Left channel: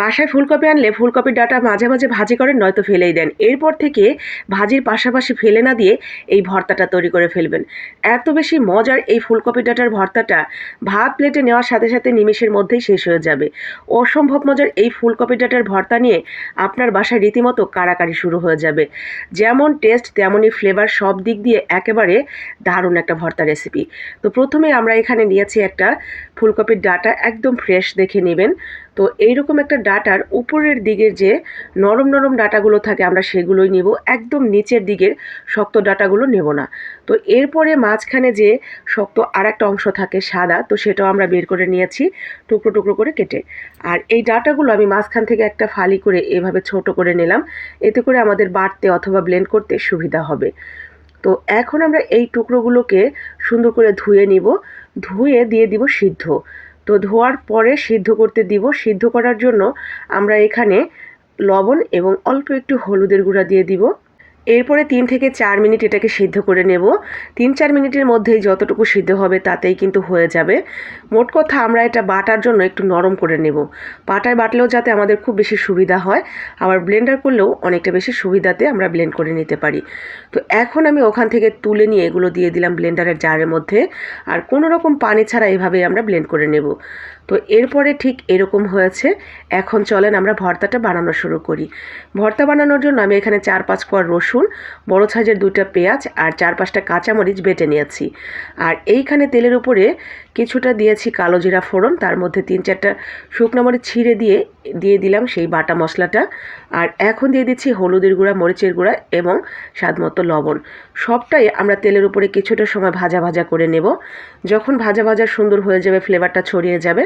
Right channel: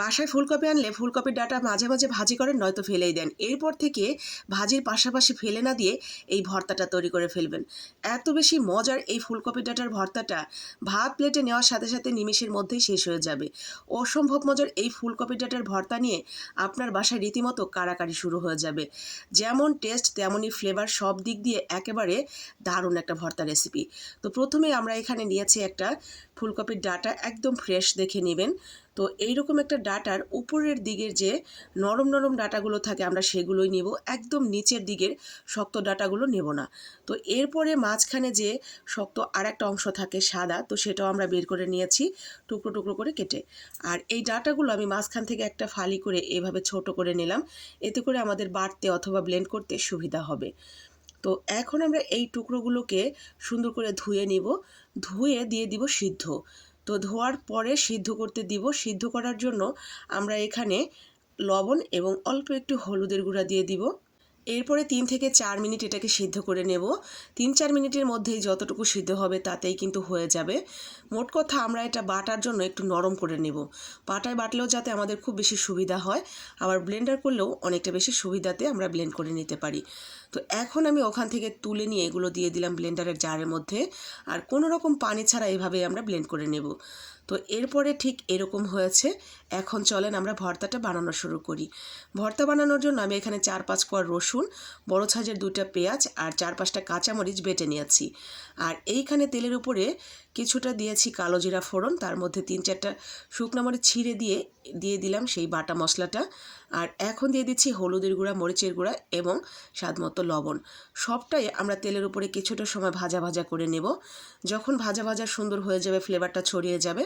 বাসায় ফুলকপি আনলে ফুলকপির ডাটা মাঝে মাঝে ভাজি করেন, নয়তো ফেলেই দেন। এরপর থেকে ভাজির পাশাপাশি ফেলে না দিয়ে এই ভর্তাটা তৈরি করে ফেলবেন। এত বেশি মজার এই ফুলকপি ডাটার ভর্তাটা ভাত প্লেটে নেওয়ার সাথে সাথে নিমেষের মধ্যেই শেষ হয়ে যাবে। অসম্ভব মজার এই ফুলকপি ডাটার ভর্তা নিয়ে আপনার বাসায় রীতিমতো কারাকারি শুরু হয়ে যাবে। যেমন টেস্ট, তেমনই ফ্লেভার সব দিক দিয়ে একেবারে দারুণ একটা ভর্তা রেসিপি। তো প্রথমে আমরা এখানে নিয়েছি একটা ফুলকপির ডাটা, একদম ফ্রেশ দেখে নেবেন। তো এইরকম একটা ডাটার উপরের দিকের যে নরম নরম ডাটাগুলো থাকে আমরা সেগুলোই নেব। একদম নিচের দিকের শক্ত ডাটাগুলো নেব না। তো এরপরে মাঝখানে যে শক্ত আর একটা অংশ থাকে সাদা, তো সেটাও আমরা বের করে নিয়েছি টুকরো টুকরো করে কেটে। আর এই ডাটাগুলো আমি মাঝখান থেকে একটা ফালি করে এভাবে ছোট করে নিলাম। এতে করে আমাদের বাড়তে অথবা ব্লেন্ড করতে সুবিধা হবে। তো এখন আমরা এই টুকরোগুলোকে সুন্দর করে ধুয়ে নিব। ধুয়ে দিয়ে দিব সিদ্ধ। তো ধোয়ার পরে সিদ্ধ করতে দিব। সিদ্ধ করার জন্য আমরা এখানে লবণ এবং অল্প একটু হলুদের গুঁড়া দিয়ে দিব। এরপরে তিন থেকে চার মিনিট এটাকে সিদ্ধ করে নেব। তিন চার মিনিটের মধ্যেই যতটুকু সিদ্ধ হবে তাতেই কিন্তু হয়ে যাবে। মোট কথা আমরা এটা বাটার জন্য একটু নরম করে নেব। পাটায় বাটলেও যাতে আমাদের খুব বেশি সুবিধা হয়, আবার ব্লেন্ডার করলেও অনেকটা বেশি সুবিধাতে আমরা ব্লেন্ড করে নিতে পারি। তো এখন আমি ওখান থেকে তুলে নিয়ে এগুলো দিয়ে দিলাম ব্লেন্ডারের জারের মধ্যে, আর কোনো রকম পানি ছাড়া এভাবেই আমরা ব্লেন্ড করে নেব। তো এরপরে ঠিক এরকম হয়েছে। এখন চলেন আমরা ভর্তাটা বানানো শুরু করি। ভর্তা বানানোর জন্য আমি এখানে চার পাঁচ কোয়ার রসুন, বড় সাইজের দুইটা পেঁয়াজ আর চার পাঁচটা কাঁচামরিচ বেটে নিয়েছি। আর এইখানে তেলের উপরে কিছুটা দিয়েছি কালো জিরা ফোড়ন, তার মধ্যে তিন চারটা শুকনো মরিচ ছিঁড়ে দিয়ে দিয়ে দিলাম সেই বাটা মশলাটা। আর এখন দিয়ে দিচ্ছি হলুদের গুঁড়া, মরিচের গুঁড়া এবং স্বাদমতো লবণ। সবটাই আমরা তেলের উপরে কিছুটা সময় ভাজা ভাজা করে নেব। যখন ভাজা ভাজা সুন্দর হয়ে যাবে ফ্লেভারটা ছড়িয়ে যাবে